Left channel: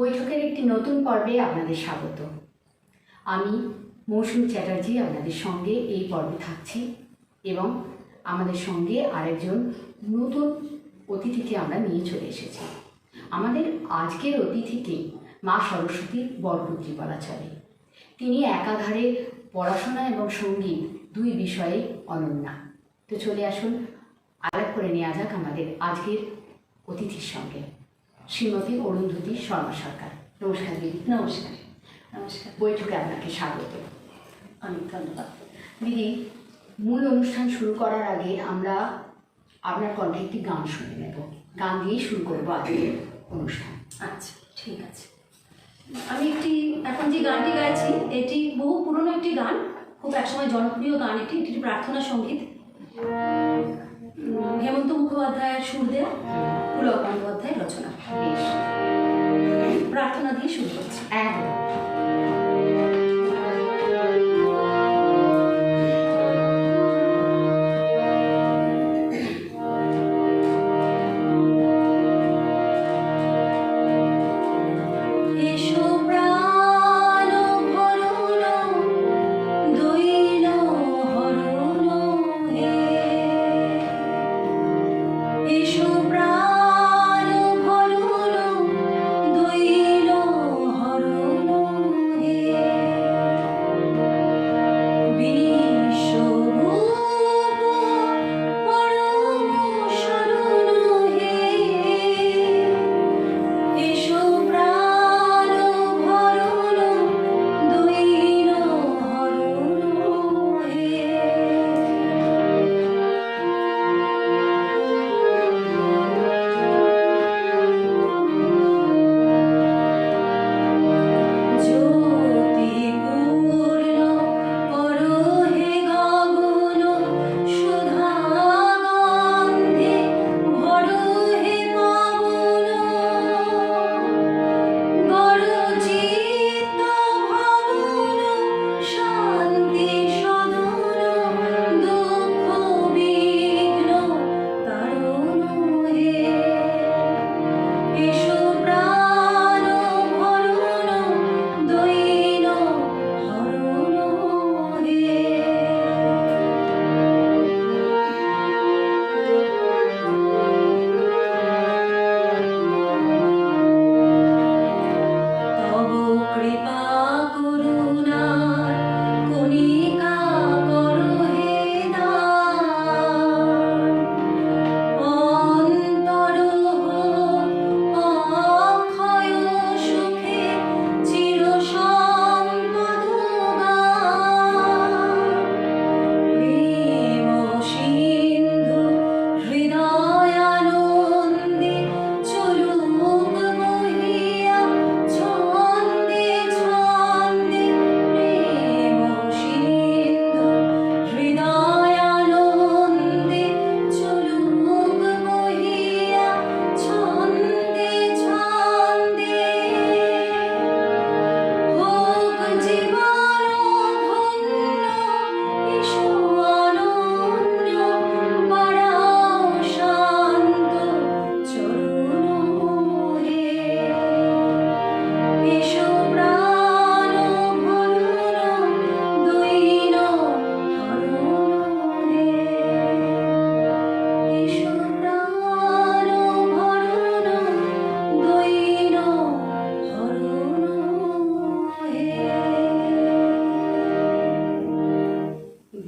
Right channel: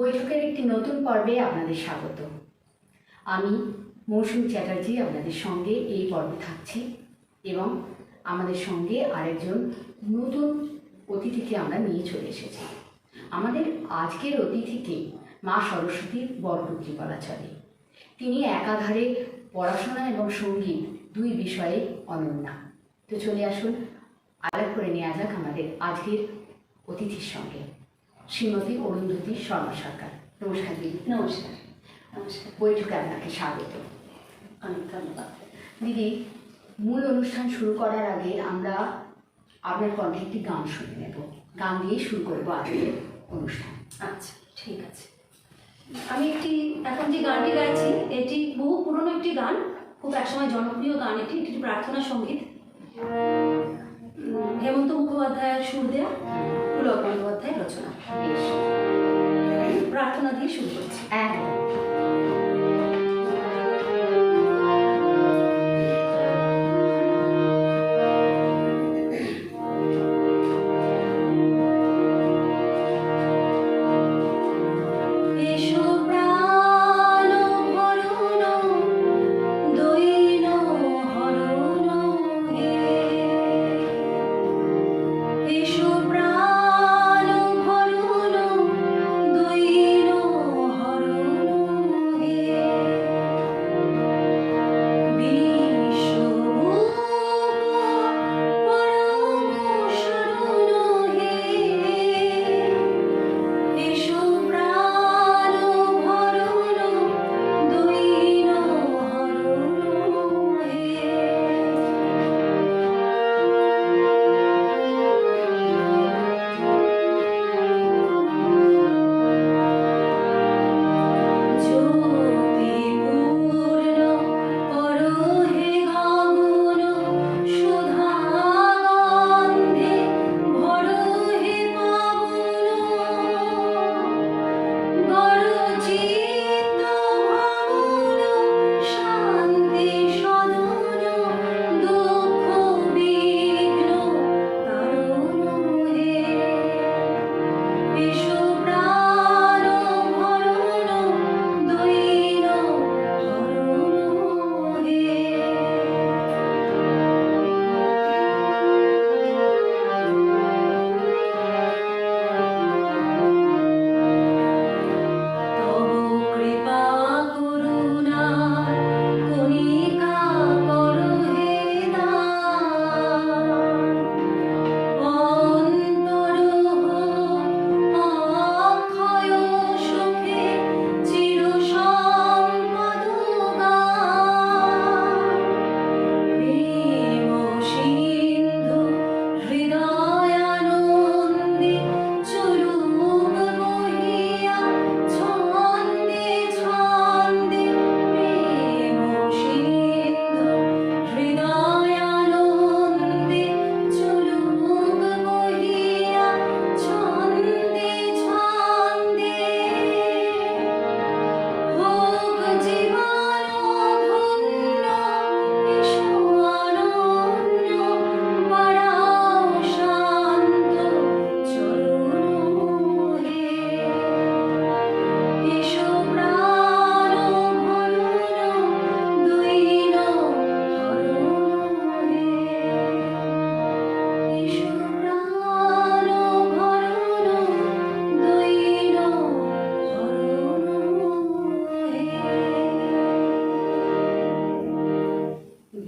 বৈঠকের একটি নতুন পর্বে আপনাদের স্বাগত। আমি মৌসুমী চ্যাটার্জি আপনাদের সঙ্গে এই পর্বে থাকছি এবং আমাদের সঙ্গে আরেকজন নতুন অতিথিকে আমরা নিয়ে চলে এসেছি। আমাদের আজকের অতিথিকে মা সরস্বতীর বরপুত্রী বলা চলে। তিনি একাধারে পড়াশোনা এবং সঙ্গীত দুই বিষয়ে অনন্যা। তো চলে আসুন, আলাপ করে নেওয়া যাক আমাদের আজকের অতিথির সঙ্গে, শ্রীমতী অরুন্ধতী শর্মা সরকার। নমস্কার দিদি। নমস্কার। নমস্কার। বৈঠকে আপনাকে স্বাগত। অনেক ধন্যবাদ দিদি। মূল অনুষ্ঠান শুরু করার আগে আমরা আপনার কণ্ঠে একটি গান শুনে নেব। গান দিয়েই শুরু করবো আজকের অনুষ্ঠান। আচ্ছা, ঠিক আছে। আমি এখন যে গানটি গাইছি এটি বহু পুরনো একটি গান, খুব একসময় জনপ্রিয় গান। এটি একটি প্রার্থনা সঙ্গীত। হেমন্ত মুখোপাধ্যায়ের সুর দেয়া, পুলক বন্দ্যোপাধ্যায়ের রচনা। বেশ, প্রার্থনা দিয়ে শুরু করছি। একদম।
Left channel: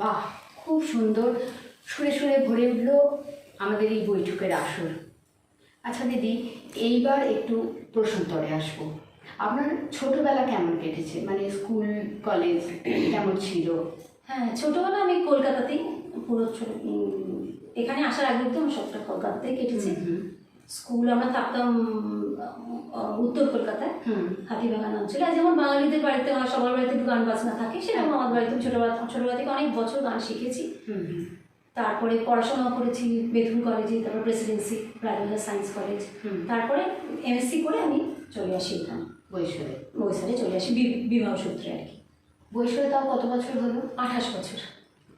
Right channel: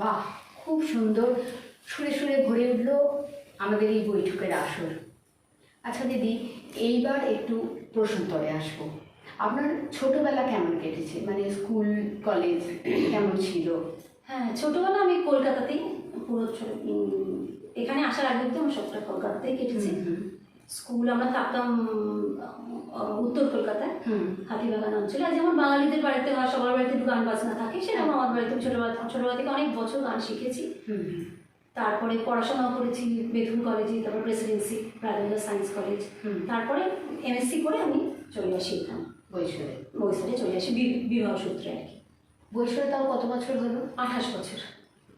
বাহ, খুব সুন্দর সুরে সুরে ভরে উঠল আমাদের এই বৈঠকের আসর। আচ্ছা দিদি, এইবার একটু প্রশ্নোত্তরে আসবো। আপনার ছোটবেলা কেমন কেটেছে, মানে স্কুল কলেজ কেমন ছিল? হ্যাঁ, ছোটবেলা আমি কলকাতাতেই পুরো এখানে আসার আগে অবধি আমার সবটা কলকাতাতেই কেটেছে। স্কুল আমরা থাকতাম উত্তর কলকাতায়, হাতিবাগান অঞ্চলে। আর যেমন বাঙালিদের বাড়িতে হয়, সবার বাড়িতে একটু গান বাজনা থাকে, সেরকম আমার বাড়িতে ছোটবেলা থেকে অনেক বছর গান শিখেছি। তারপরে পড়াশোনাও করেছি বেথুন কলেজে, তারপর প্রেসিডেন্সি রাজেন্দ্র সায়েন্স কলেজ। তারপরে এমএসসি করে আমি চলে আসি এখানে বৈশালে চলে আসি বিবাহ সূত্রে আর কি। বৈশালে তাও কত বছর হলো? 28 বছর।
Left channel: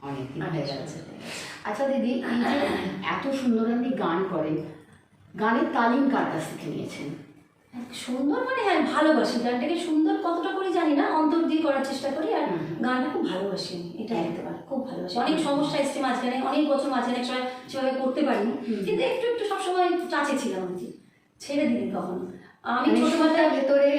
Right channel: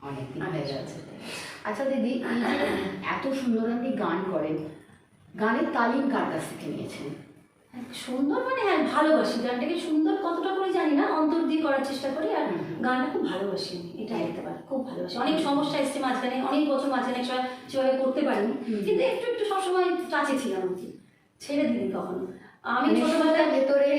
অনেক হয়ে গেছে। আচ্ছা দিদি, এই যে এত সুন্দর আপনি গান করেন, গানের তালিম কার কাছ থেকে নিয়েছেন? সুন্দর মানে হ্যাঁ ভালোবাসি গানটাকে, সুন্দর কতটা করে জানি না, অন্তর দিয়ে করার চেষ্টা করি। আর গানটা খুব ভালোবাসি আমি, এটা বলতে পারি, খুব ভালোবাসি। অনেক সমস্যা এসছে মাঝখানে, অনেক বছর মাঝখানে সেভাবে করতে পারিনি, কিন্তু একটু একটু সবসময় কাছে ছিলাম আর কি, ছেড়ে দিই কখনো। আমি ছোটবেলার ভেতরে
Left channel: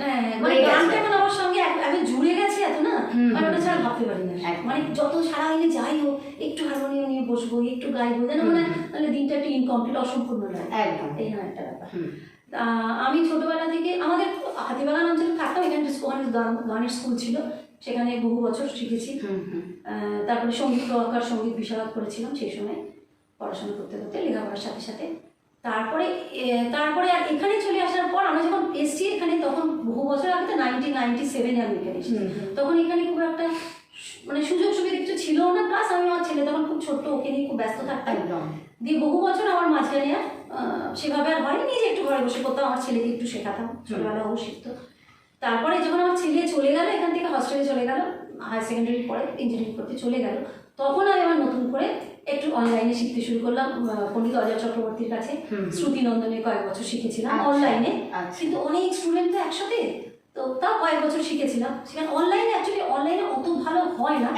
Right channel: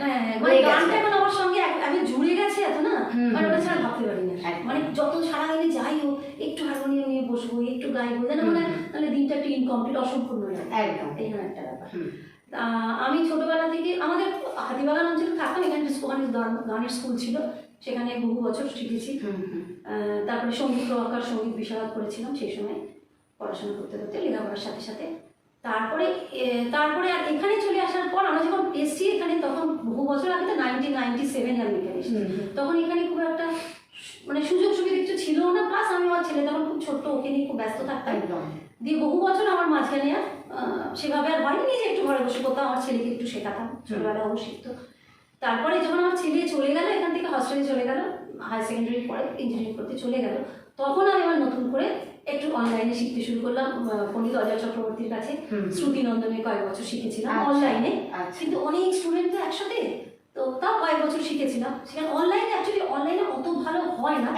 হ্যাঁ গানটা মানে আমার সঙ্গে আগে জুড়ে গেছে এত না, আমি ওটা ছাড়া ভাবতে পারি না। মানে যত সারাদিনে যাই হোক একটু হারমোনিয়াম নিয়ে বসবো, একটু গাইবো, যেন মানে দিনটা একটু ইনকমপ্লিট, অসম্পূর্ণ লাগে একদম, এই একটা ব্যাপার। আমি ছোটবেলা থেকে আমাদের হাতিবাগান অঞ্চলে থাকতাম, এখানে গানের স্কুল ছিল, সেখানে বহু বছর শিখেছি। তারপরে সঙ্গীত প্রকার, সঙ্গীত বিষয় করেছিলাম সেই সময় পড়াশোনা করতে করতে, লেখাপড়ার সাথে সাথে। তারপরে আর এখানে চলে আসার পর আমরা যখন এসছি এখানে, তখন বহু বছর আগে তো 1997 আমি এখানে এসেছি, তখন এখানে খুব একটা মানে সুযোগ সুবিধা কিছু ছিল না, প্লাস আমি আমার ছেলে তখন খুব ছোট্ট, ওকে নিয়ে খুব ব্যস্ত থাকতাম একদম। দিয়ে বহু বছর আমার মাঝখানে আর সেভাবে আর হয়নি, নিজে একটু ঘরে বসে করতাম, আমার ছেলেকে একটু শেখাতাম, ছোটবেলা ও শিখতো। তারপরে যখন আমার ছেলে চলে গেল এখান থেকে, হস্টেলে চলে গেল, হায়ার সেকেন্ডারি পরে ইঞ্জিনিয়ারিং করতে চলে গেল, তখন আমি আমার নতুন করে একটু অনলাইনে শিখতে শুরু করলাম। পণ্ডিত অজয় চক্রবর্তীর কাছে শ্রুতি নন্দনে কয়েক বছর শিখেছিলাম অনলাইনে, কিন্তু অনেক স্টুডেন্ট তো একসাথে, তো তাও কয়েক বছর শিখেছিলাম সেখানে অনলাইনে। অ্যাকচুয়ালি অনলাইনে অত ভালো হয় না,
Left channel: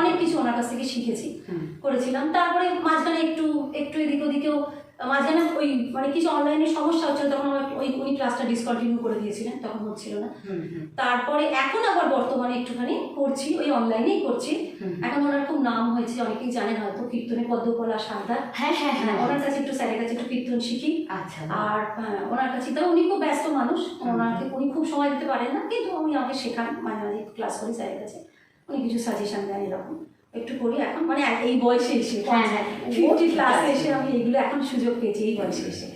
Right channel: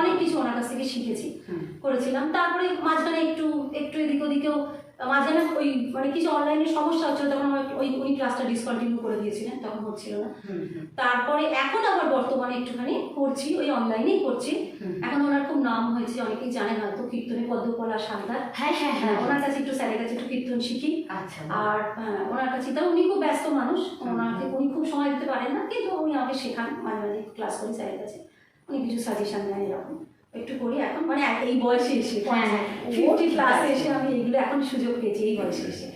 অনেক কিছু ওনার কাছ থেকে শিখেছি, করেছিলাম। তারপরে মাঝখানে একটু এদিক ওদিকেও মাঝখানে ওই মানে কিছু অনলাইনের সমস্যা হচ্ছিল, তখন উনি ক্লাসটা ডিসকন্টিনিউ করে দিয়েছিলেন, তখন হচ্ছিল না। তারপরে এখন আবার বর্তমানে একটুখানি করছি, ওই অনলাইনেই করছি। এখন ওনার খুব নাম হয়েছে, অনেকেই জানেন হয়তো, কীর্তনে পদ্মকলা সান্তার। হ্যাঁ, ওনার কাছে একটু, স্যারের কাছে একটু কীর্তন শিখি। আর ওনার কাছে, তাও উনি খুব ব্যস্ত মানুষ, উনি খুব সময় দিতে পারেন না, কিন্তু উনি আমাকে শেখান, মাঝে মাঝে ক্লাস করি স্যারের কাছে, উনি কিছু সাজেশন দেন, এরকম একটু করি এখন, মানে এই বয়সে এসে 50 ক্লাসে এসে আমি এগুলো এখন সুযোগ পেয়েছি, এই বয়সে এসে।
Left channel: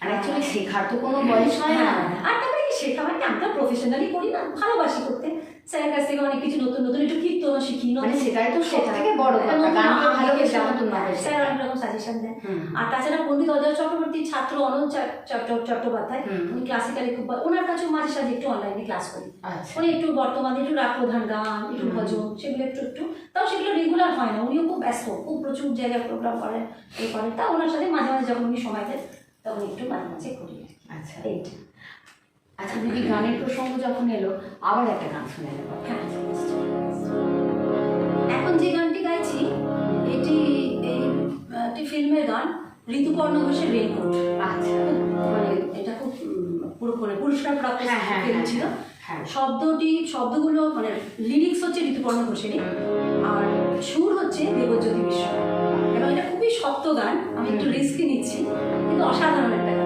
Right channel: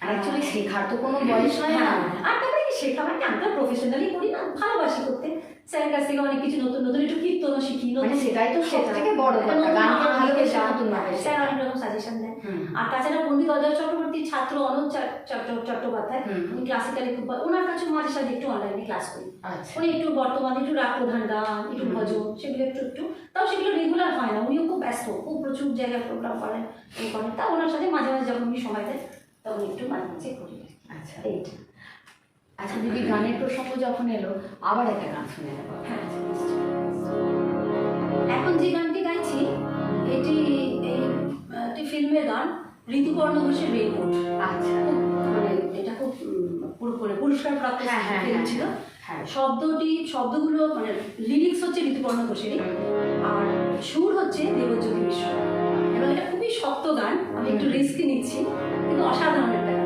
আর অ্যাকচুয়ালি শেখার তো কোনো বয়স হয় না, আর তারপরে শেখা মানে আমি তো প্রফেশনালি করি না, ভালোবাসি করতে। স্যারের কাছ থেকে অনেক কিছু নতুন নতুন একটু কীর্তন শিখি, মানে সেটাই তো সবথেকে বড় কথা, গানকে ভালোবেসে নতুন ভাবে স্যার অনেক রকম সাজেশন দেন। আর তাছাড়া পণ্ডিত অজয় চক্রবর্তীর ছাত্র অনন্ত চট্টোপাধ্যায়, উনি ক্লাসিক্যালি খুব, ওনার কাছে মাঝে সাঝে একটু অনলাইনে ক্লাস করি। উনি একটু বর্তমানে একটু রাগ প্রধান গান, একটু ভজন, সেগুলো একটু তাও সেগুলো রেগুলার হয় না, উনিও খুব ব্যস্ত, খুব প্রচুর জায়গায় প্রোগ্রাম করেন, এই করেন। তা ওনার সাথে মাঝে মাঝে যখন উনি সময় দেয় তখন একটু মাঝে মাঝে করি। আচ্ছা, এইটা। আচ্ছা দিদি, গানের প্রসঙ্গ যখন এলো, আবার একটা গান শুনে নেব। এখন যে গানটি গাইছি এটি একটি ফিল্মের গান, ঋতুপর্ণ ঘোষের রেইনকোট। আচ্ছা, মানে এটা খুব পুরস্কার প্রাপ্ত ফিল্ম ছিল। শব্দগুলো মানে লিরিক্স হচ্ছে ঋতুপর্ণ ঘোষের, আর সুর হচ্ছে দেবজ্যোতি মিশ্র। এবং এটা খুবই শক্ত গান, আমি একটু রিস্ক নিচ্ছি, কিন্তু অসাধারণ একটা গান।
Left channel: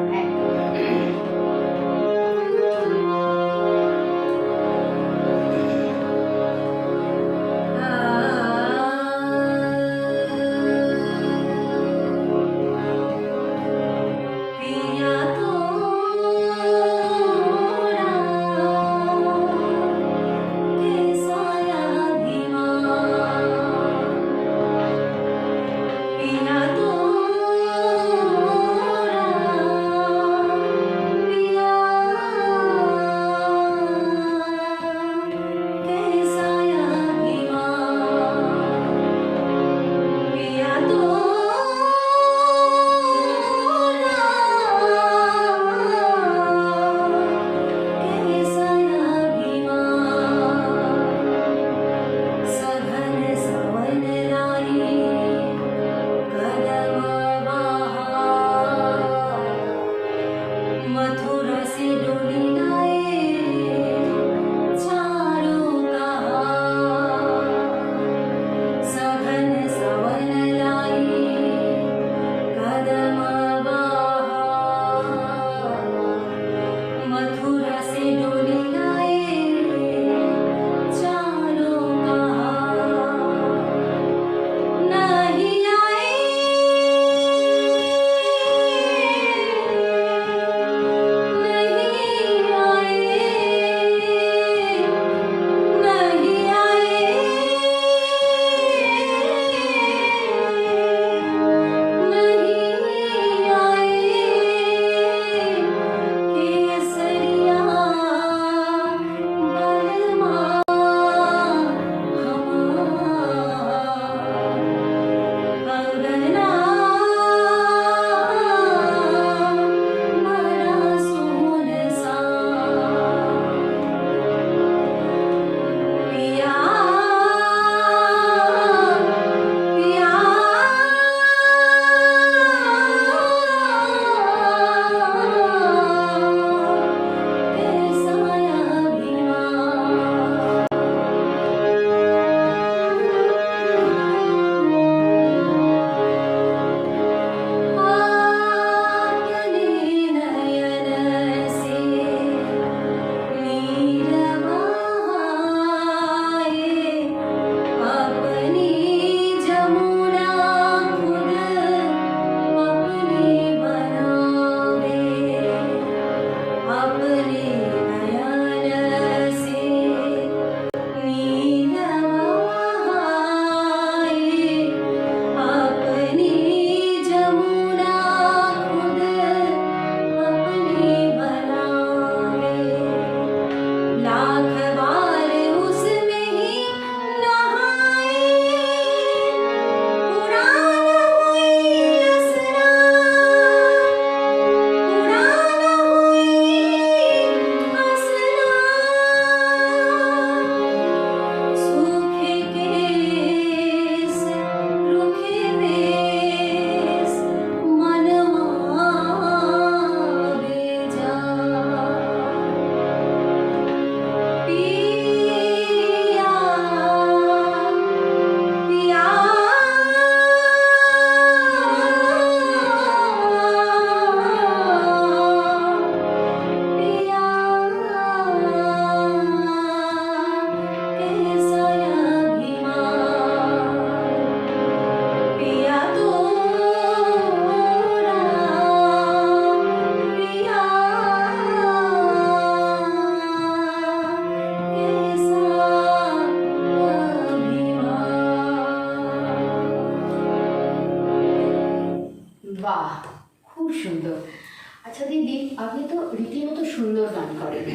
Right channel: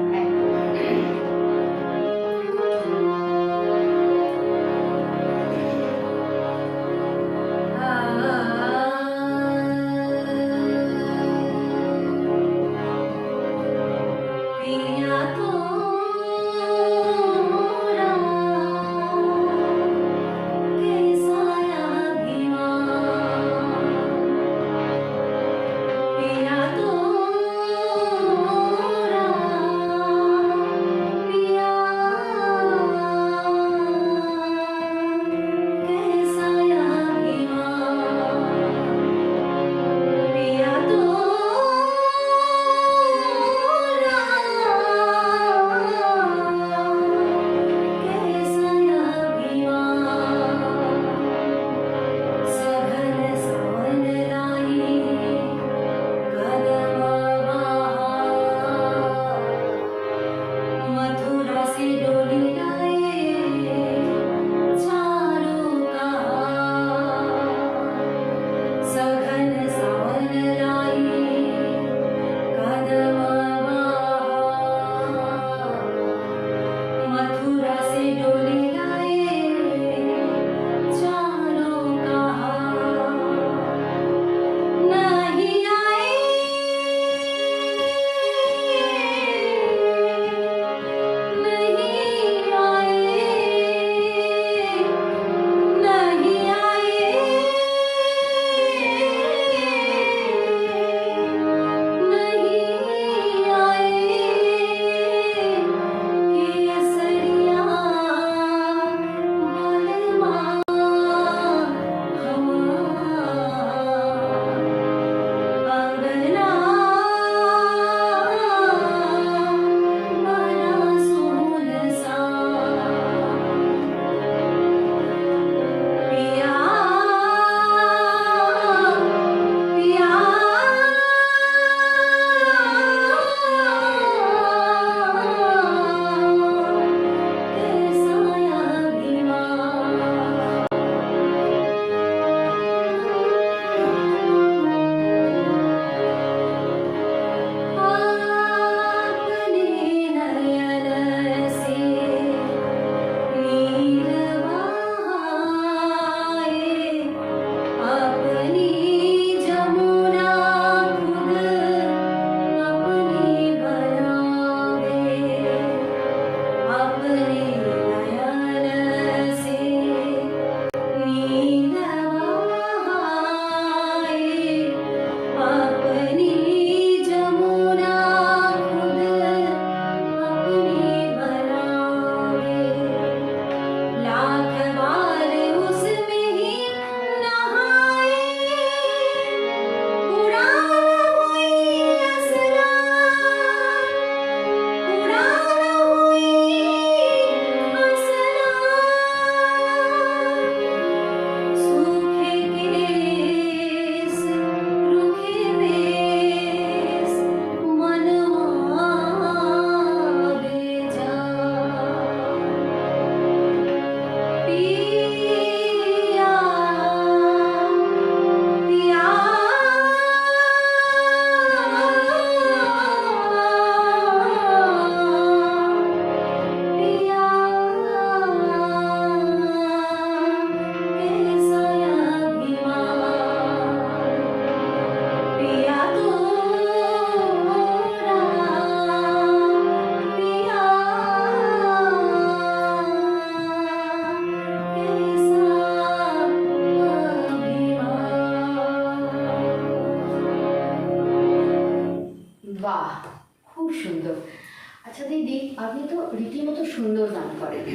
গান করেন।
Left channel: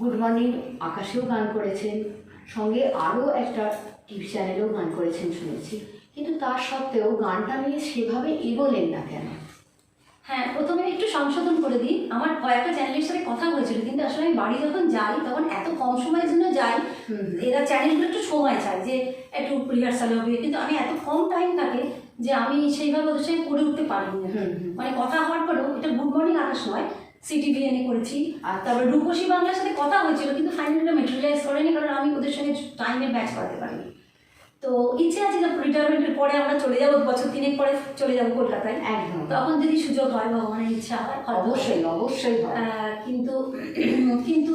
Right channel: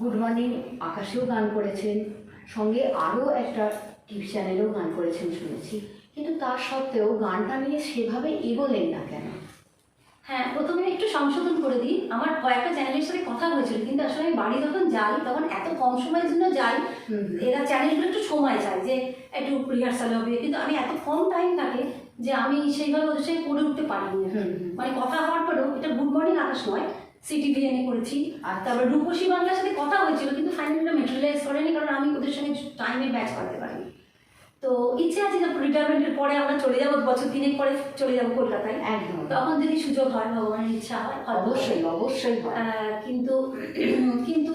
গুড মর্নিং আকাশেও গান করেছেন, সঙ্গে আরও একটা টিভি চ্যানেলেও গান করেছেন শুনেছি, কিন্তু তার সত্ত্বেও গানটা নিয়ে সেভাবে এগোলেন না কেন? হ্যাঁ, প্রথমে একটু সংশোধন করে দিই। আমার কয়েকটা চ্যানেলের সাথে কথা হয়েছিল, কিন্তু আসলে আমি বাড়ি যখন যাই তখন এত কম সময়ের জন্য যাই, এরা চ্যানেলগুলো একটু সময় চায় যে একটু রিহার্সাল হবে, কিন্তু আমি এত কম টাইম থাকে যে আমি সেইভাবে ওদের সাথে করে উঠতে পারিনি। মানে কথা হওয়ার পরেও, এটা গুড মর্নিং আকাশ নয়, সিটিভিএনে করেছি। আর তারপরে রূপসী বাংলার সাথে কথা হয়েছিল, কিন্তু ফাইনালি মেটেরিয়ালাইজ করেনি, কারণ আমি ওদের সঙ্গে টাইমে ব্যাচ করাতে পারিনি। তো ইচ্ছে আছে যে রিটায়ারমেন্টের পরে আমরা চলে যাবো, বছর 3 পরে চলে যাবো কলকাতায়। একদম, তখন যদি সুযোগ হয়, ভগবানের ইচ্ছা হয়, অবশ্যই অবশ্যই হয়। কিন্তু কিন্তু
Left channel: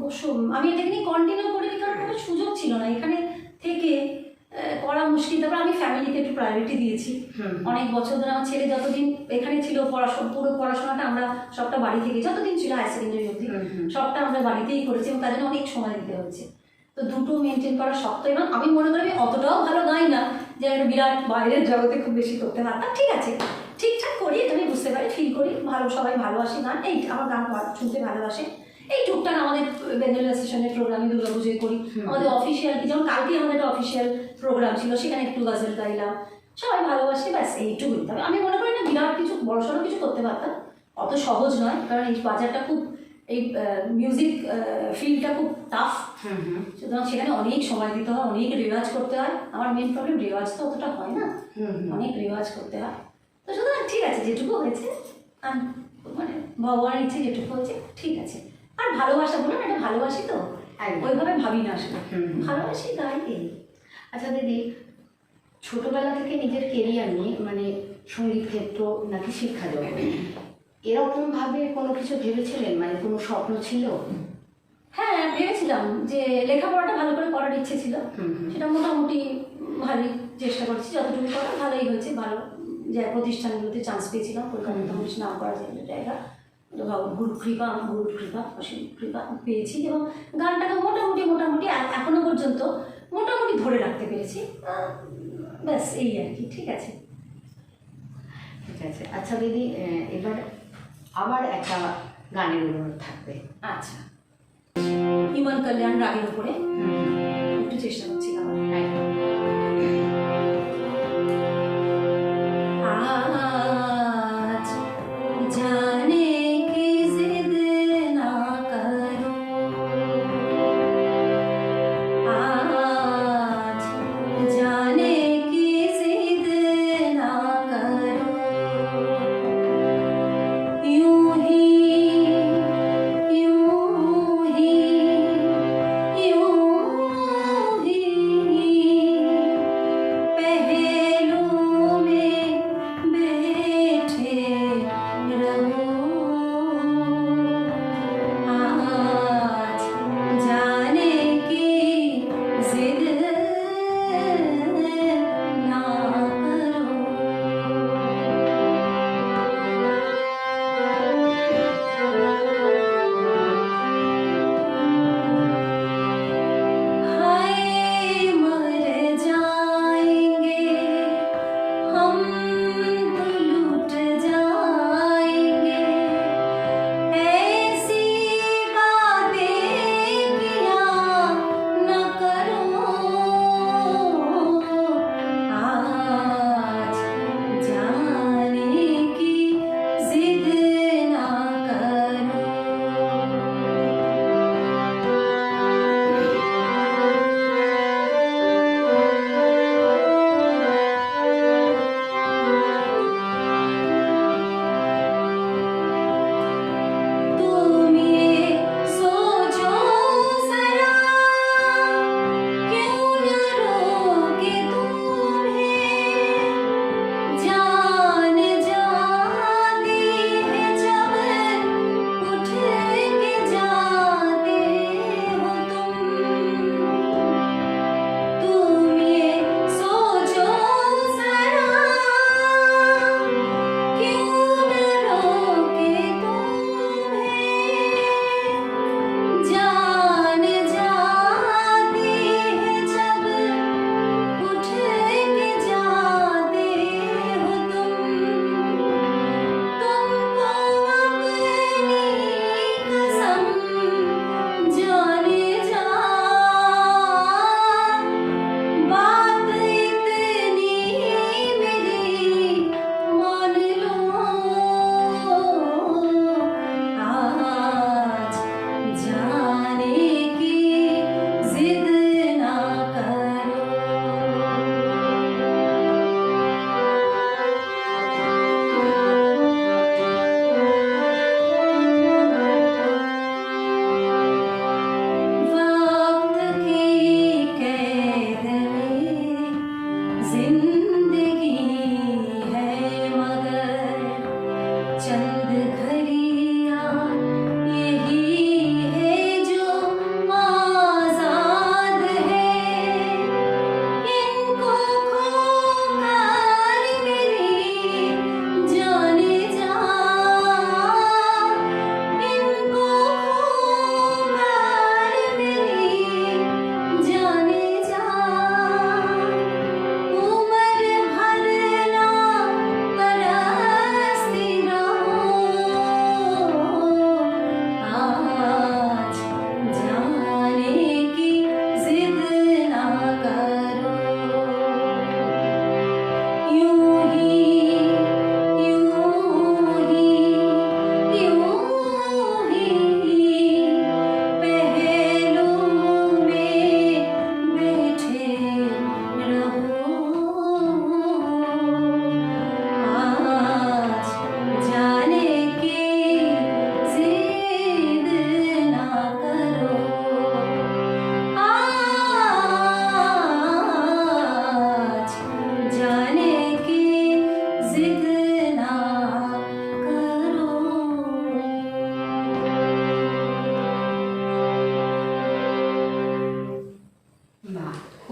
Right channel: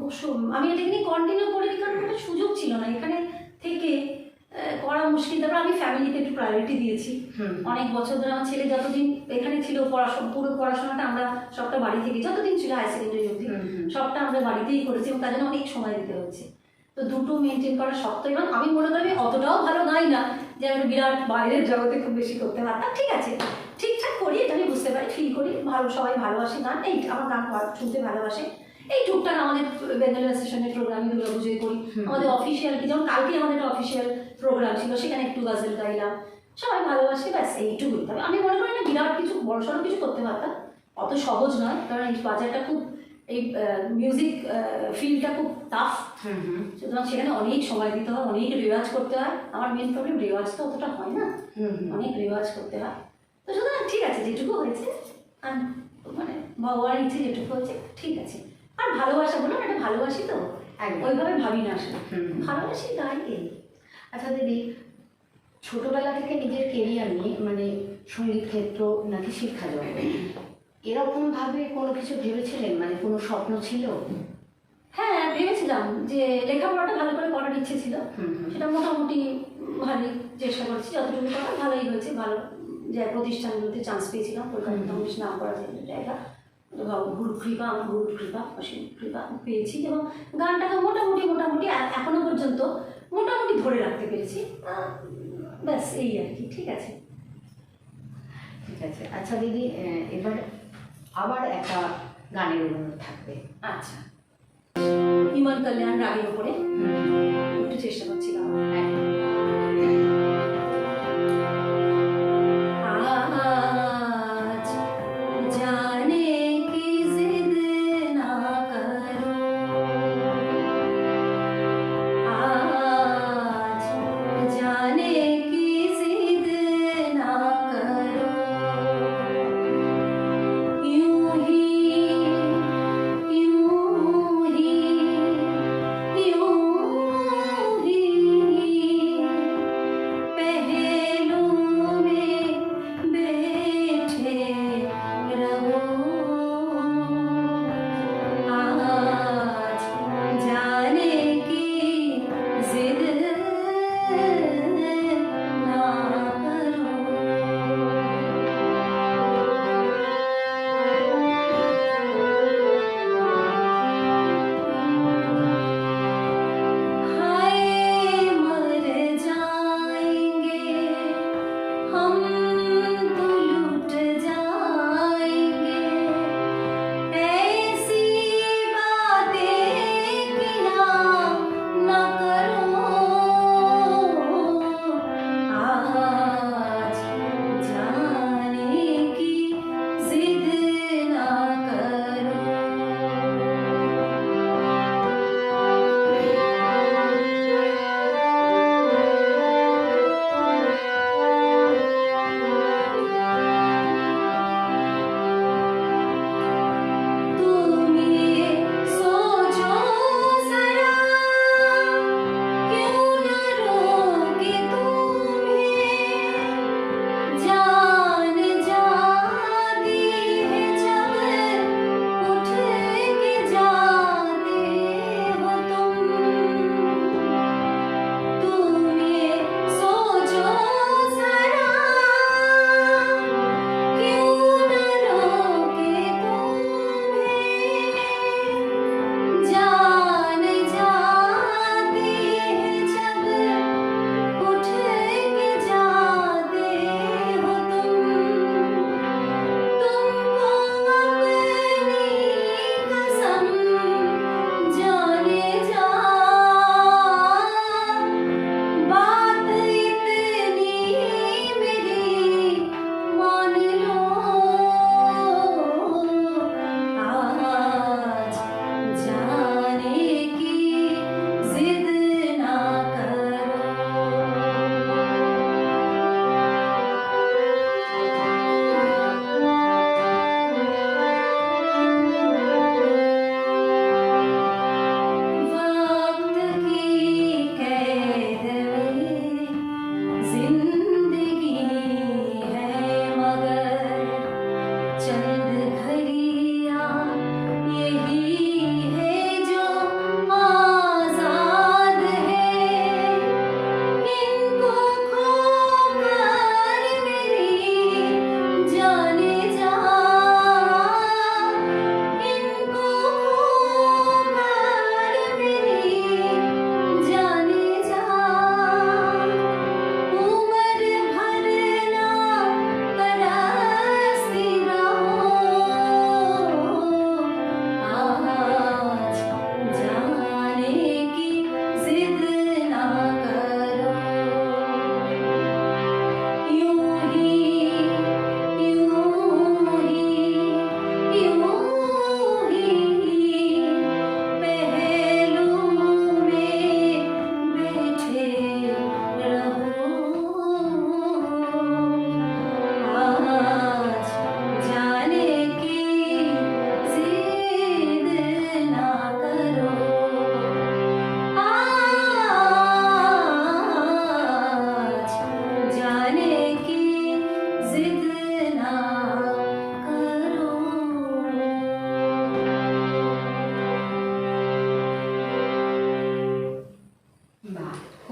অবশ্য আমি এটা নিয়ে কন্টিনিউ করিনি, কারণ কোনো সুযোগ ছিল না এখানে থেকে করা মুশকিল। তারপর আমি ফ্যামিলিকে একটু প্রায়োরিটি দিয়েছি। অনেক বছর ধরে আমার ছেলে যতদিন এখানে ছিল, পুরো পড়াশোনাটা আমরা সবটা বাড়ি থেকে, যতদিন ছিল হাই সেকেন্ডারি অবধি সবটা আমরা বাড়িতেই করেছি, এবং তার জন্য অনেক সময় দিতে হচ্ছে। তো দুটো মেনটেন করা শক্ত। এবং আমি মনে করি আমি অতটাও ভালো গাই না যে একটা বিরাট বাইরের জগতে খুব বেশি করতে পারতাম। ঠিক আছে, ঠিকঠাক করি, এটা আমি বুঝতে পারি, ফিল করি, ভালো, সবাই ভালোবাসে গান, এই আমার গান শুনতে ভালোবাসে। এই টুকটাক আমাদের বেঙ্গল অ্যাসোসিয়েশনের প্রোগ্রামে দুর্গাপুজোয় করি, আমাদের অফিসিয়াল, যেমন কালকে আমাদের একটা অফিসিয়াল প্রোগ্রাম ছিল, সেখানে একটু গাজল গাইলাম, সবাই ভালোবাসে, ব্যাস এইটুকুই। তবে আমি মনে করি না বিরাট কিছু বড়সড় কিছু করতে পারতাম, অত সহজ নয়, কারণ এই বাজারটা খুব, এই মিউজিক ফিল্ডটা খুব টাফ। সুতরাং সেখানে অনেক সময় দিতে হয়, অনেক রেওয়াজ করতে হয়। আমার মেন প্রবলেম রেওয়াজ তো অতটা হয় না, অনেক রেওয়াজ করতে হয়। তো সুতরাং ঠিক আছে, যেটুকু হয়েছে, আর মানে ভগবানের ইচ্ছে যেটুকু হয়েছে ঠিক আছে। আর ভালোবাসা বললাম, এটা ভালোবাসি তো, ওইভাবে ভাবি না আসলে, ভালোবাসি তাই। এই আচ্ছা দিদি, ছোটবেলা থেকে নিজের কেরিয়ার নিয়ে, মানে সঙ্গীত ক্ষেত্র নাকি শিক্ষা জগৎ, এরকমভাবে কোনো কিছু ভেবেছিলেন? মানে কোনো স্বপ্ন ছিল? হ্যাঁ, ভেবেছিলাম যে লেখাপড়াটা ভালো করে করার ইচ্ছে ছিল, সেটা মোটামুটি ভালোই চেষ্টা করছি, যতটুকু করা ভালোই হয়েছে। ভালো যে প্রতিষ্ঠানগুলোতে চান্স পেয়েছিলাম, কলকাতা মোটামুটি নাম করা জায়গা, গুরু কৃপা, আমার গুরুর কৃপা, অসীম কৃপা পেয়েছি। এবং গানটাকে মোটামুটি এখনো পর্যন্ত মোটামুটি ধরে রাখতে পেরেছি, ব্যাস এই আর কি। ঠিক আছে, ঠিক আছে। আচ্ছা দিদি, এবার আবার একটা গানের অনুরোধ থাকবে। আচ্ছা, ইমন কল্যাণ রাগের উপরে একটু চেষ্টা করছিলাম। আজ জানে কি জিদ না করো, আজ জানে কি জিদ না করো, यूं ही यूं ही यूं ही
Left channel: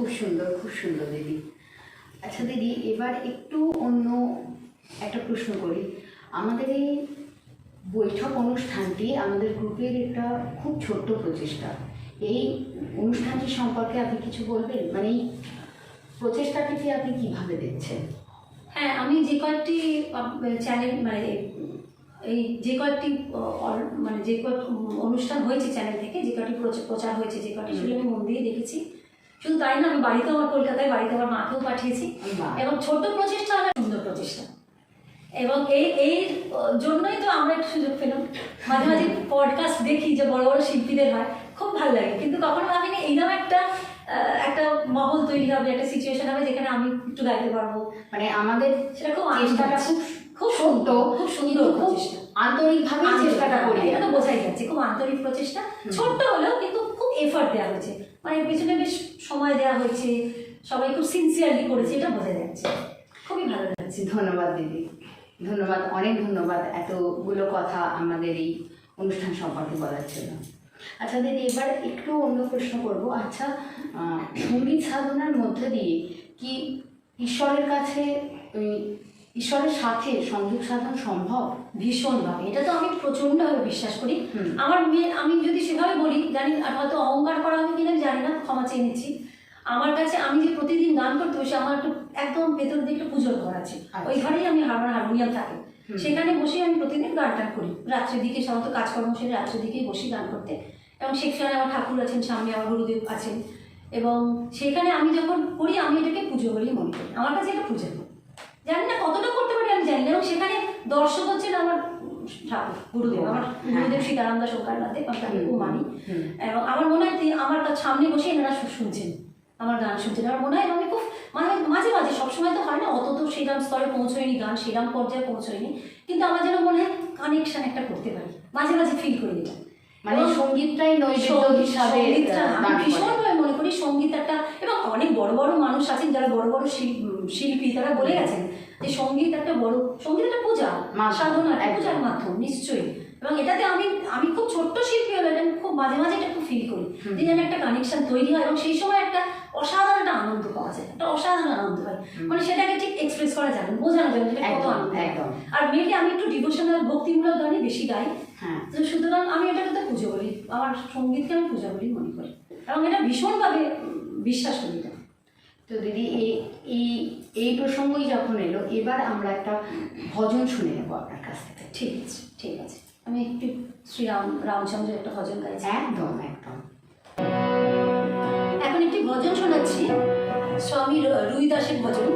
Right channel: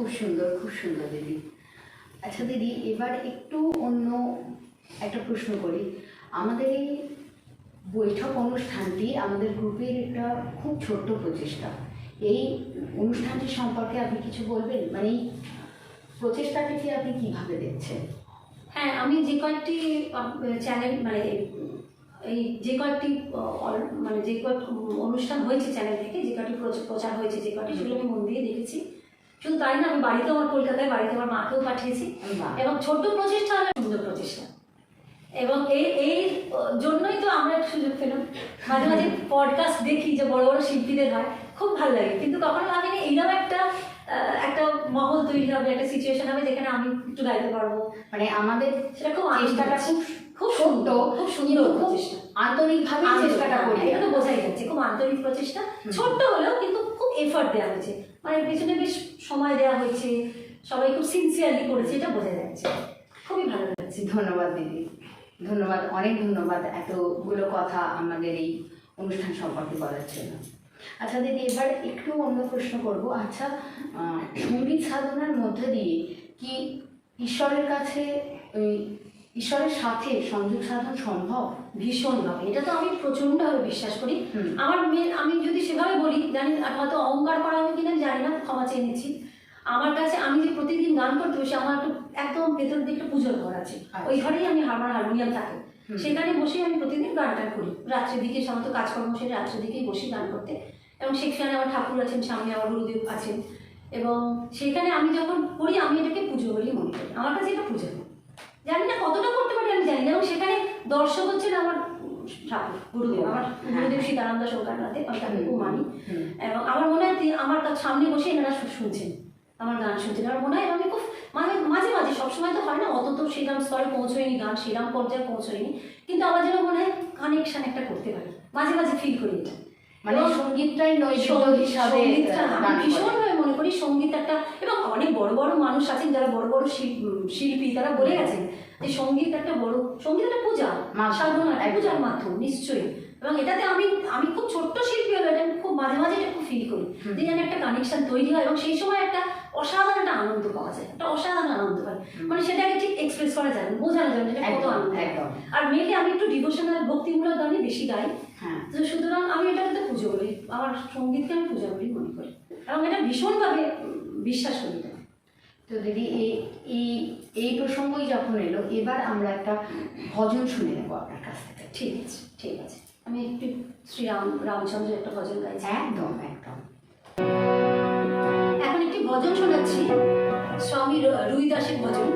খুব সুন্দর দিদি। আচ্ছা দিদি, এবার একটু অন্য একটা প্রশ্ন করি। আমাদের এই বৈঠক অনুষ্ঠানটি আমাদের গ্রুপের একটা খুব ছোট্ট প্রচেষ্টা। এই অনুষ্ঠানটি সম্পর্কে আপনি কিছু বলবেন? মানে এই প্রচেষ্টাটিকে আপনি কিভাবে দেখছেন? হ্যাঁ, আমি যে কয়েকটি চ্যানেল মানে এই যে কয়েকটি মানে যে কয়েক অনুষ্ঠান হয়েছে চ্যানেল থেকে, যে কয়েকটি প্রচার হয়েছে, যে কয়েকটি, সেগুলো আমি মন দিয়ে দেখেছি। শুধু তাই না, আমি বাড়িতেও, আমার কলকাতায় বাড়িতে আমার মাকেও পাঠিয়েছি। এবং ছোট্ট প্রচেষ্টা, আমার সুন্দর প্রচেষ্টা, এবং এই জন্যই তো আমরা একটু সুযোগ পেলাম। মাঝে মাঝে পডকাস্ট দেখি যে বড় বড় শিল্পীদের হয়, খুব ভালো লাগে, কিন্তু কখনো ভাবিনি এইরকম একটা মহল তৈরি হবে, একটা সিচুয়েশন হবে যেখানে আমি একটু গাইতে পারবো। মানে আমাদের সেটা খুব চেষ্টাটা খুব সুন্দর, খুব সুন্দর প্রচেষ্টা, আন্তরিকভাবে চেষ্টাটা করি, এটা বোঝাই যাচ্ছে। খুব আন্তরিক প্রচেষ্টা, ছোট্ট হলেও কিন্তু খুব এফার্ট দেওয়া হয়েছে, মানে এর পিছনে বেশ সময় দেওয়া হয়েছে, সবাই খুব সিনসিয়ারলি করেছে, এটা বোঝা যাচ্ছে। খুবই ভালো লাগছে। ধন্যবাদ দিদি, ধন্যবাদ, অনেক ধন্যবাদ এতগুলো কথা আমাদের এই অনুষ্ঠান সম্পর্কে বলার জন্য। আচ্ছা দিদি, এবার একটু অন্য প্রশ্ন করব। আচ্ছা, সঙ্গীত সাধনার মধ্যে দিয়ে কি ঈশ্বরের কাছে ঈশ্বরের সাথে সংযোগ সাধন সম্ভব? ভীষণভাবে, এটা তো আমি প্রচণ্ডভাবে বিশ্বাস করি। আমার আমি যদি সেভাবে বলি, জানি আর হয়তো অহংকার করা হবে কিনা জানি না, ক্ষমা চেয়ে নিচ্ছি। আমার কাছে, আমি যে প্রতিদিন গান করতে বসে, আমার একদম ভেতর দিয়ে একটা পুজোর ঘর আছে, ওই ঘরেই আমি হারমোনিয়াম থাকে, সেখানে বসে আমি প্রতিদিন গান করি। রাত্রের দিকে সাধারণত কাজকর্ম সেরে রাত্রের দিকেই বসি গান করতে, এবং সেখানে আমার ঠাকুর আছেন, সামনে আমার গুরুদেব আছেন, এবং সেখানে আমি যখন করি, আমি এটাকে পুজো বলেই মনে করি। আমার কাছে এটা পুজো, জানি না কতটা করতে পারি আমি জানি না, এবং সেখানে দর্শক হচ্ছেন আমার ঠাকুর, গুরুদেব, আমার গুরুদেব সীতানন্দ শঙ্করনাথে, আমি তাকে খুব মানি। এবং আমার মনে হয় আমার তার সামনে বসে এনারা শুনছেন, আমার গান শুনছেন। আমার মনে হয় আমি খুব মাঝে মাঝে, সবসময় তো হয় না, অত তো সেরাম স্তরে পৌঁছয়নি, গান সেরাম পর্যায়ে পৌঁছয়নি, কিন্তু আমার যেন মনে হয় কানেকশন একটা করতে পারি, মাঝে মাঝে ফিল করি এটা। মানে সঙ্গীতটাই নৈবেদ্য হিসাবে আমি ভীষণভাবে মনে করি সঙ্গীত একটা, এবং অনেক বড় বড় মানুষ আছেন যারা বড় বড় শিল্পী, তারা বলে গেছেন যে সঙ্গীত একটা পূজা, সাধনা, একটা পূজার মাধ্যম, নিশ্চয়ই। এবং এটাতে আমি খুব ছোট্ট শিল্পী হলে এটা খুব মাঝে মাঝে এটা খুব ফিল করি, যে যেন একটা কানেকশন তৈরি হয়, এবং সেই সময় একটা অসাধারণ একটা আনন্দ পাওয়া যায়, একটা অসাধারণ আনন্দ হয়, মানে সেটাকে ঠিক এক্সপ্রেস করা যাবে, বোঝানো যাবে যে কত আনন্দ। একদম। আর মেয়েকে আমি একটু ডিভোশনাল ভক্তিমূলক গানে বেশি গাই, সুতরাং আমি এটাকে তো পুজো করি, আমার সঙ্গীতকে আমি পূজা বলেই মনে করি, এবং এটা ভীষণভাবে বিশ্বাস করি এটা। তো দিদি, এই প্রসঙ্গই যখন এলো, এবার আমরা একটা ভজন শুনে নেবো আপনার কাছ থেকে। ঠিক আছে, আমি একটু রামচন্দ্রের একটা ভজন গাইছি। একদম। এখন একটি ভজন শোনাচ্ছি, স্বামী রুইদাসের ভজন,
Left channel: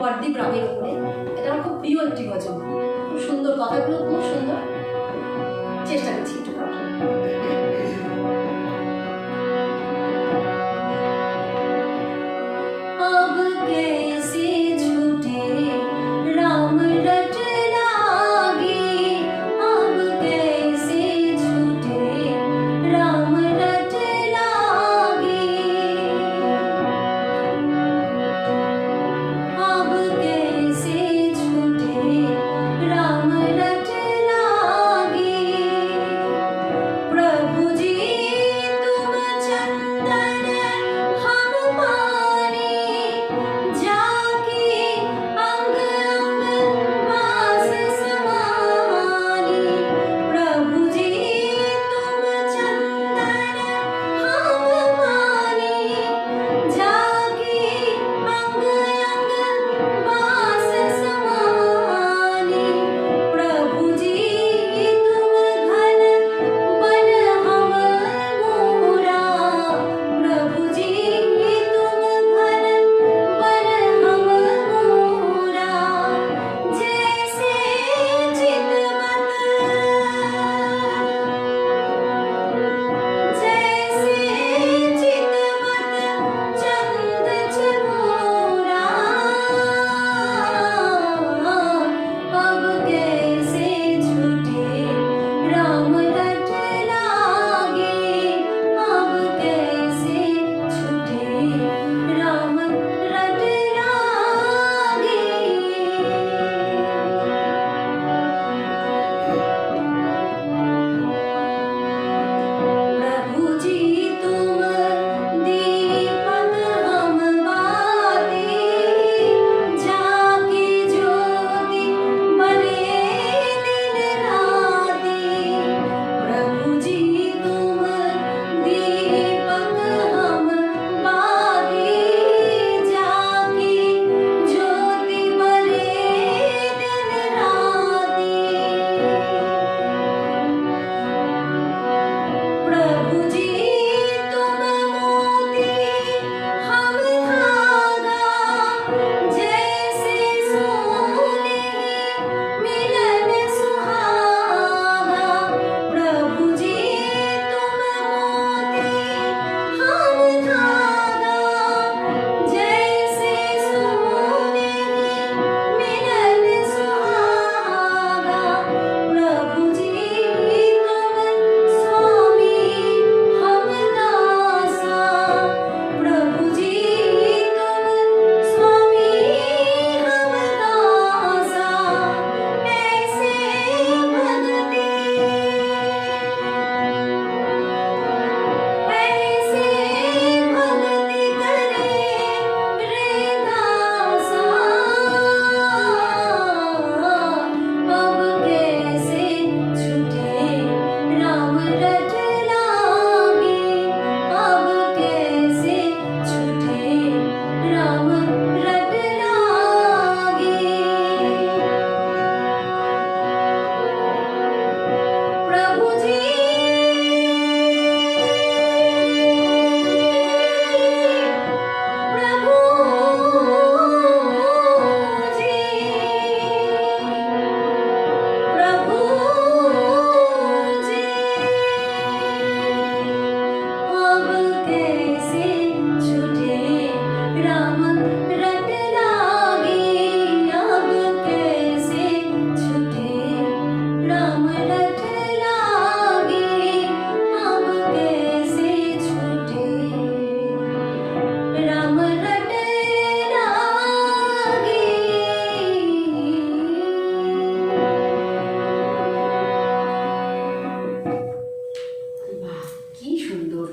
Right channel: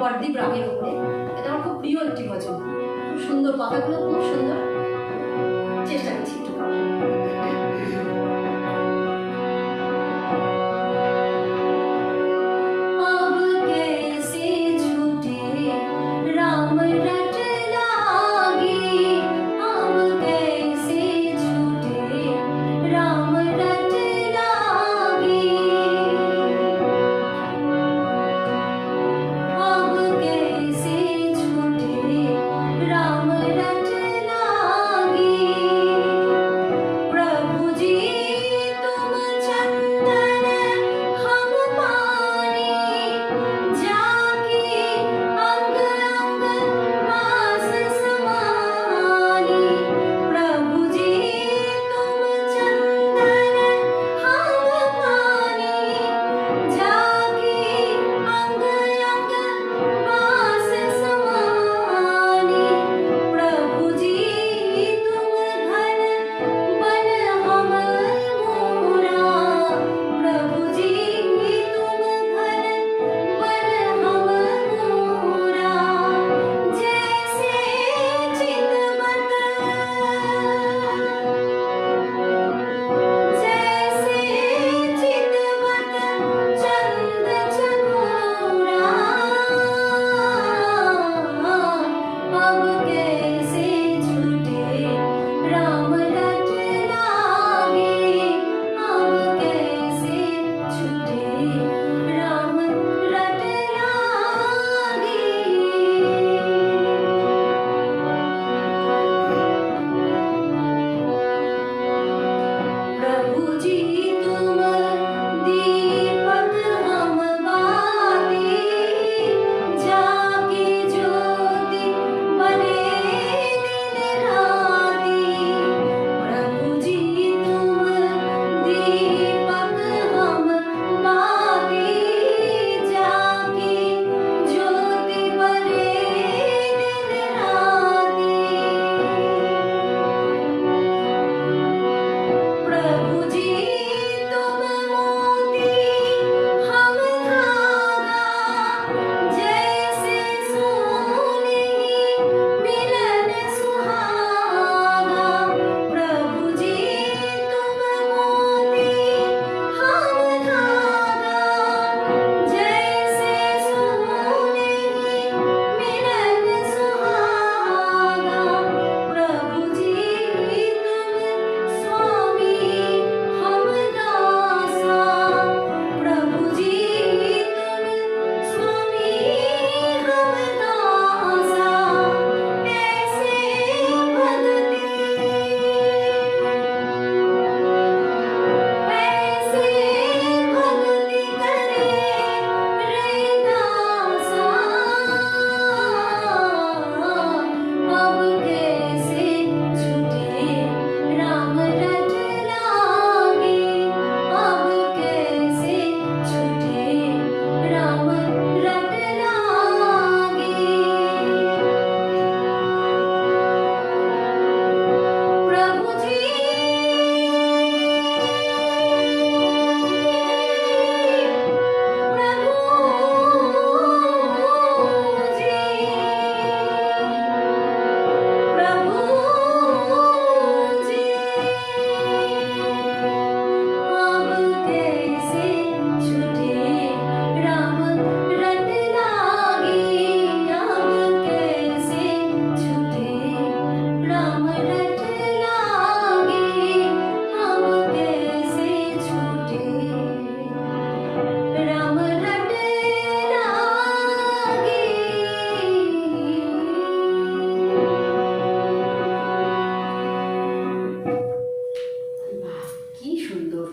পরদীপ রামের উপরে। এটা আমার খুব প্রিয় একটি ভজন, খুব সুন্দর, কথাগুলো খুব সুন্দর, চেষ্টা করছি একটু গাওয়ার।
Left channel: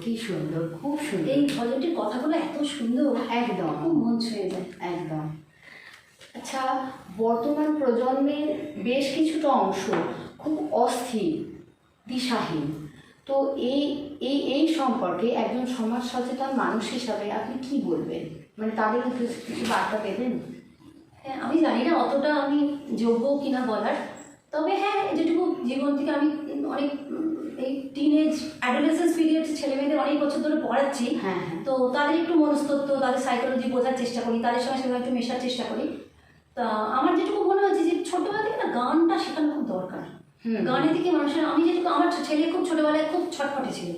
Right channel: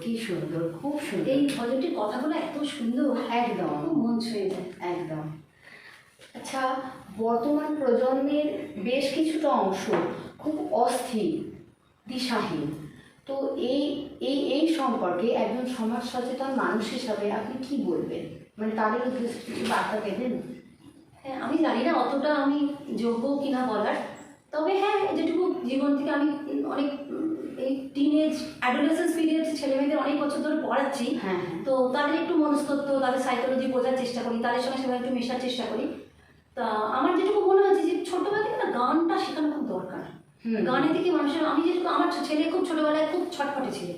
কি সুন্দর, খুব সুন্দর। এই ভজনটির কথাগুলো এত সুন্দর, একদম খুব মন ছুঁয়ে যায়। একদম। আচ্ছা, বর্তমান প্রজন্মের বেশ কিছুটা অংশ খুব অস্থির, দিশাহীন। তো এই এই এই সম্পর্কে একজন সমাজ সচেতন মানুষ হিসাবে আপনি কি বলবেন? মানে তাদের উদ্দেশ্যে কিছু বার্তা দেবেন? হ্যাঁ, আমি জানি না অতটা আমি যোগ্য কিনা বলার, তবে হ্যাঁ যেটুকু জীবন থেকে আমি অনেক এই টিনেজ অ্যাডোলেসেন্স পিরিয়ড ছেলেমেয়েদের অনেক বছর ধরে পড়াচ্ছি। হ্যাঁ হ্যাঁ। তো তাদের একটু মনস্তত্ত্ব, তাদের সাইকোলজি বোঝার চেষ্টা করি, তাদের সঙ্গে সেভাবে একটু মেশার চেষ্টা করি। তা আমার যেটুকু মনে হচ্ছে যে ছোটবেলা থেকে না গানটা শেখানো খুব দরকার। গানের দিকে মানুষের, আমি যেটুকু, আমার ছেলে খুব ছোটবেলায় খুব ছটফটে ছিল,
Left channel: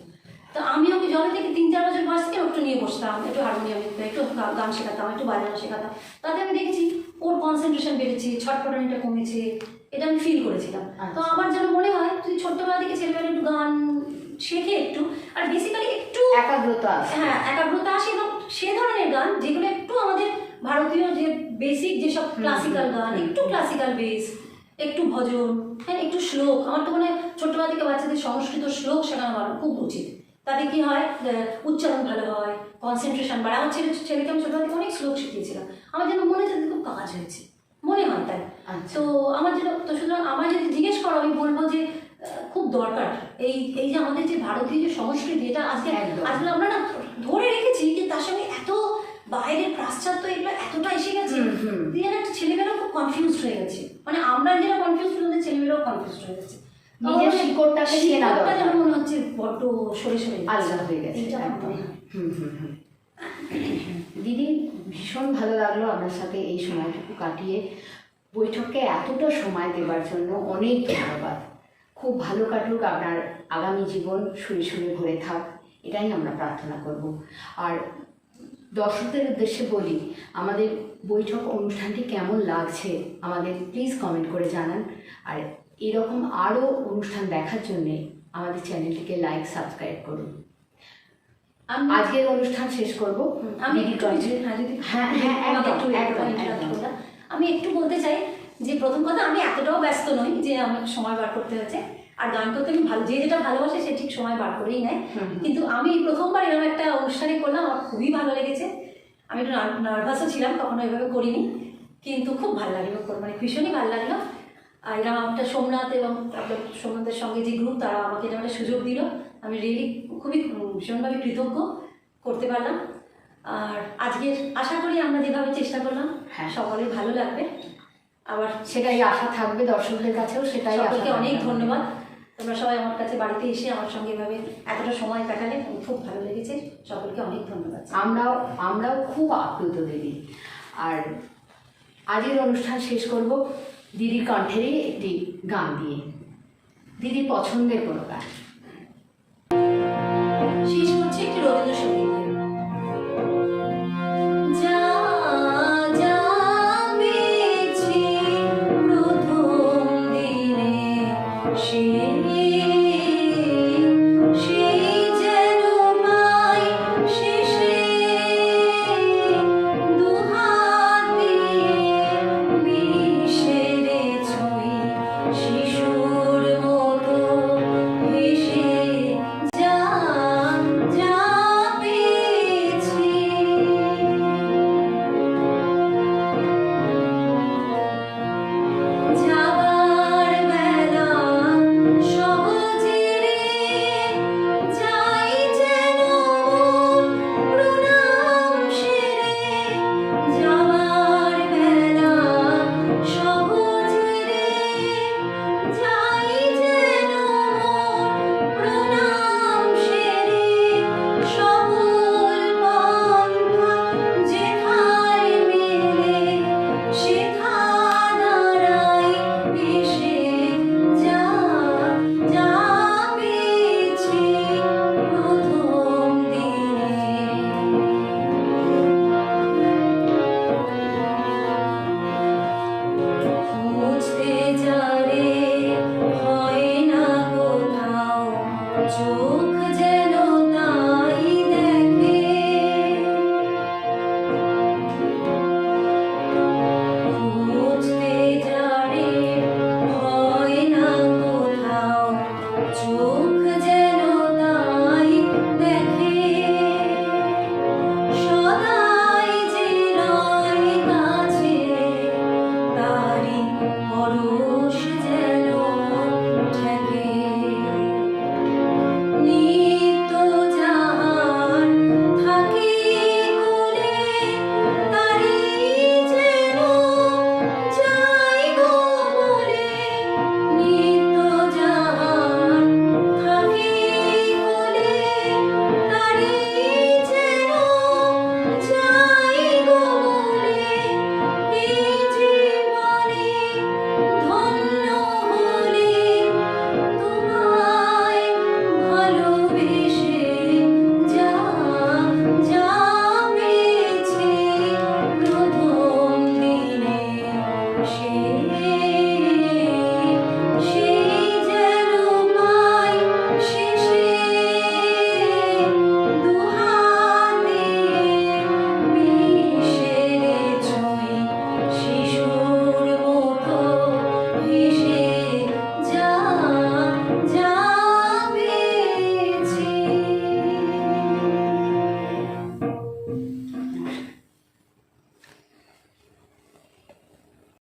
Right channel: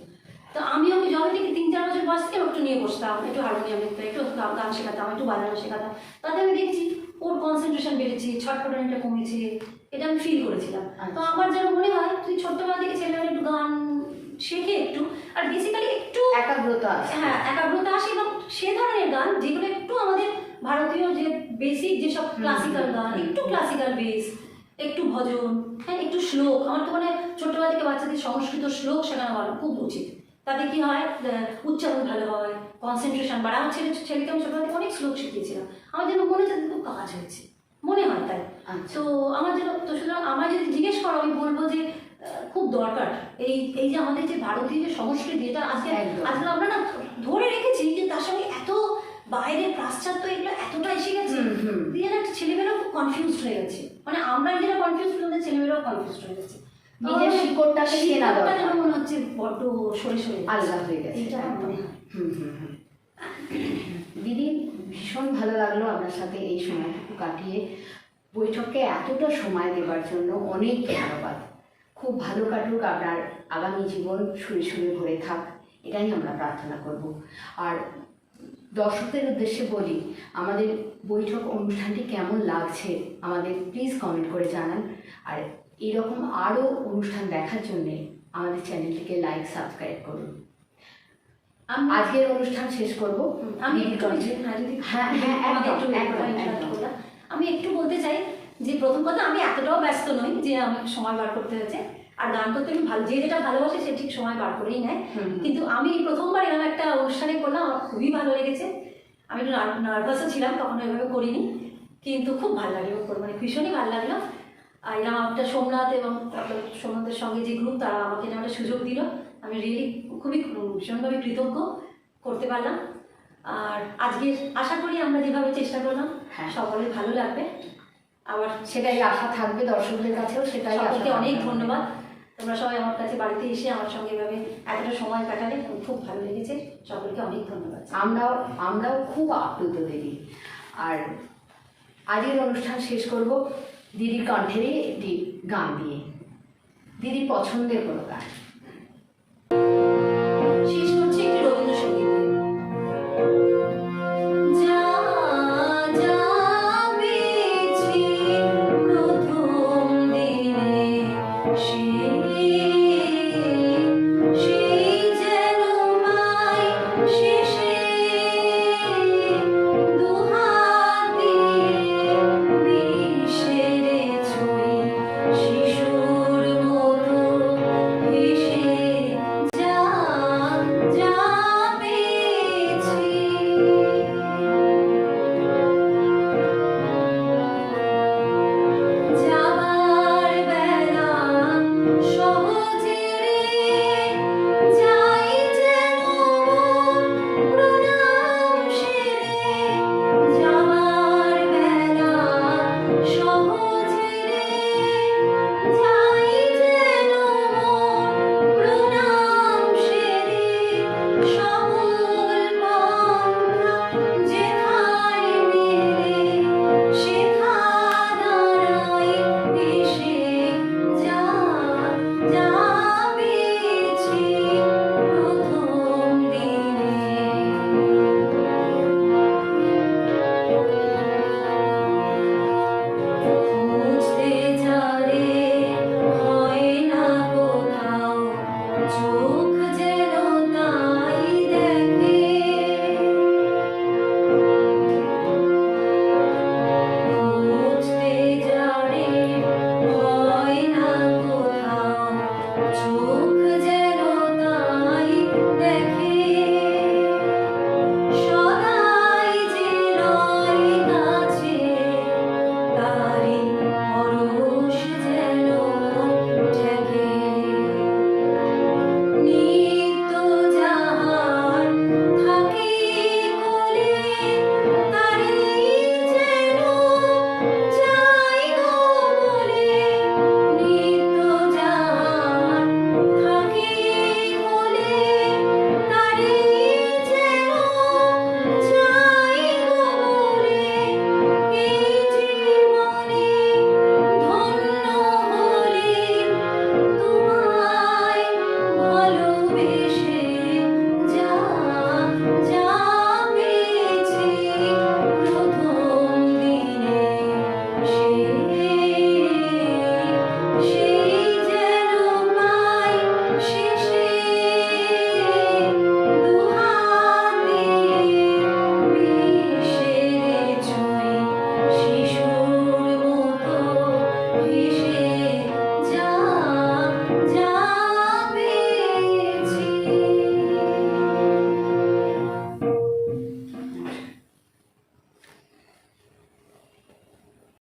তো আমি ওকে যবে থেকে 3-4 বছর বয়স থেকে একটু নিয়ে বসতাম, একটু হারমোনিয়াম লিখতাম, একটু গান শেখাতাম, একটু বাজানো শেখাতাম। তাতে আমি দেখেছি ওর কনসেন্ট্রেশন বেড়েছে, ছটফটানিটা কমেছে, এটা আমি ফিল করেছিলাম। তো আমার যেন মনে হয় তুই ছোট্টবেলা থেকে ছেলেবেলা একটু গান শেখে একটু, আর বেসিক্যালি একটু একাগ্রতা আসে। হ্যাঁ একাগ্রতা আসে, এবং সে ধরনের গান যেগুলো একটু আমাদের ভারতীয় যে বেসিক যেসব ক্লাসিক্যাল গান, একটু ক্লাসিক্যাল বেস, একটু ভজন, হ্যাঁ একটু শ্লোক। আমার তো মানে ছোট্টবেলা থেকে বাচ্চাদের সংস্কৃত শ্লোক শেখানো ভালো, খুব উচিত। তাতে কি হয়, উচ্চারণ ভালো হয়, কনসেন্ট্রেশন বাড়ে। আমার ছেলেকে আমি ছোটবেলা থেকে অনেক শ্লোক শিখিয়েছিলাম, আমার যেন মনে হচ্ছে খুব কাজ হয়েছে, মনে হয় তাই। তো আমার যেন, তো সুতরাং আমার যদি জিজ্ঞেস করো আমি বলবো যে খুব দরকার এই এই যে আমাদের যে ভারতীয় যে সংস্কৃতি, এটা আজকে আজকে আমরা না ধরে রেখেছি, যে তার সঙ্গে এত বাইরের পাশ্চাত্য এগুলো এতটা এসে গেছে, দিয়ে না ছেলেমেয়েরা খুব কনফিউজড হয়ে গেছে। মানে আমরা যেটা কনফিউজ আমাদের ছেলেমেয়েরাও কনফিউজড হয়ে গেছে। নিজের শিকড়টাকে চেনা দরকার। মনে হচ্ছে বড্ড সরে সরে আলাদা হয়ে গেছে। দিদি, ভীষণ ভালো লাগলো আপনার সাথে এই সময়টুকু কাটিয়ে। বৈঠককে এতটা সময় দেওয়ার জন্য অনেক ধন্যবাদ। খুব ভালো কাটুক আপনার আগামী জীবন, সুরে সুরে ভরে থাক, এটাই আমরা প্রার্থনা করব। আর দর্শকদের উদ্দেশ্যে বলি, আমাদের বৈঠক অনুষ্ঠানটি কেমন লাগছে আমাদের প্লিজ কমেন্ট করে জানান। আর এরকম আরও অনুষ্ঠান দেখার জন্যে আমাদের চ্যানেলটিকে লাইক, সাবস্ক্রাইব করুন। আজকের অনুষ্ঠান শেষ করব। আমি একটু বলতে চাই যে প্রথম কথা, আমি এতটাও ব্যস্ত নই যে আমার সময় বার করতে হয়েছে। আর গান করতে আমি ভালো, যে যেটা ভালোবাসে সে ঠিক সময় বার করেই নেয়। কিন্তু আমি প্রথমবার এরকম একটা অনুষ্ঠানে করলাম, আমার খুবই ভালো লেগেছে। আমি একটু নার্ভাসও ছিলাম, কখনো এভাবে করিনি, কিন্তু খুব ভালো লাগলো, মানে ভীষণই ভালো লাগলো। আর এরকম একটা সোমনাথ এবং তারপর সোমনাথের সঙ্গে যে গ্রুপ, তারা আমাকে এরকম একটা সুযোগ দিল, আমি রিয়েলি খুবই ভীষণভাবে কৃতজ্ঞ, করতে পারলাম। আর আজকে আশা করি আমরা যেভাবে চেষ্টা করলাম সকলের ভালো লাগবে। আবার সেটাই আশা থাকবে দর্শকদের কাছেও, সেটাই আশা। অনেক ধন্যবাদ, তোমরা সবাই আমার কাছে বাড়িতে এসে আমার সঙ্গে এভাবে এতটা সময় কাটালে, খুব ভালো লেগেছে। সকলকে অনেক ধন্যবাদ। আমরাও খুব আপ্লুত দিদি। আর আজকের অনুষ্ঠান শেষ করব দিদির কণ্ঠেরই একটি গান দিয়ে, দিদির পছন্দের কোনো গান।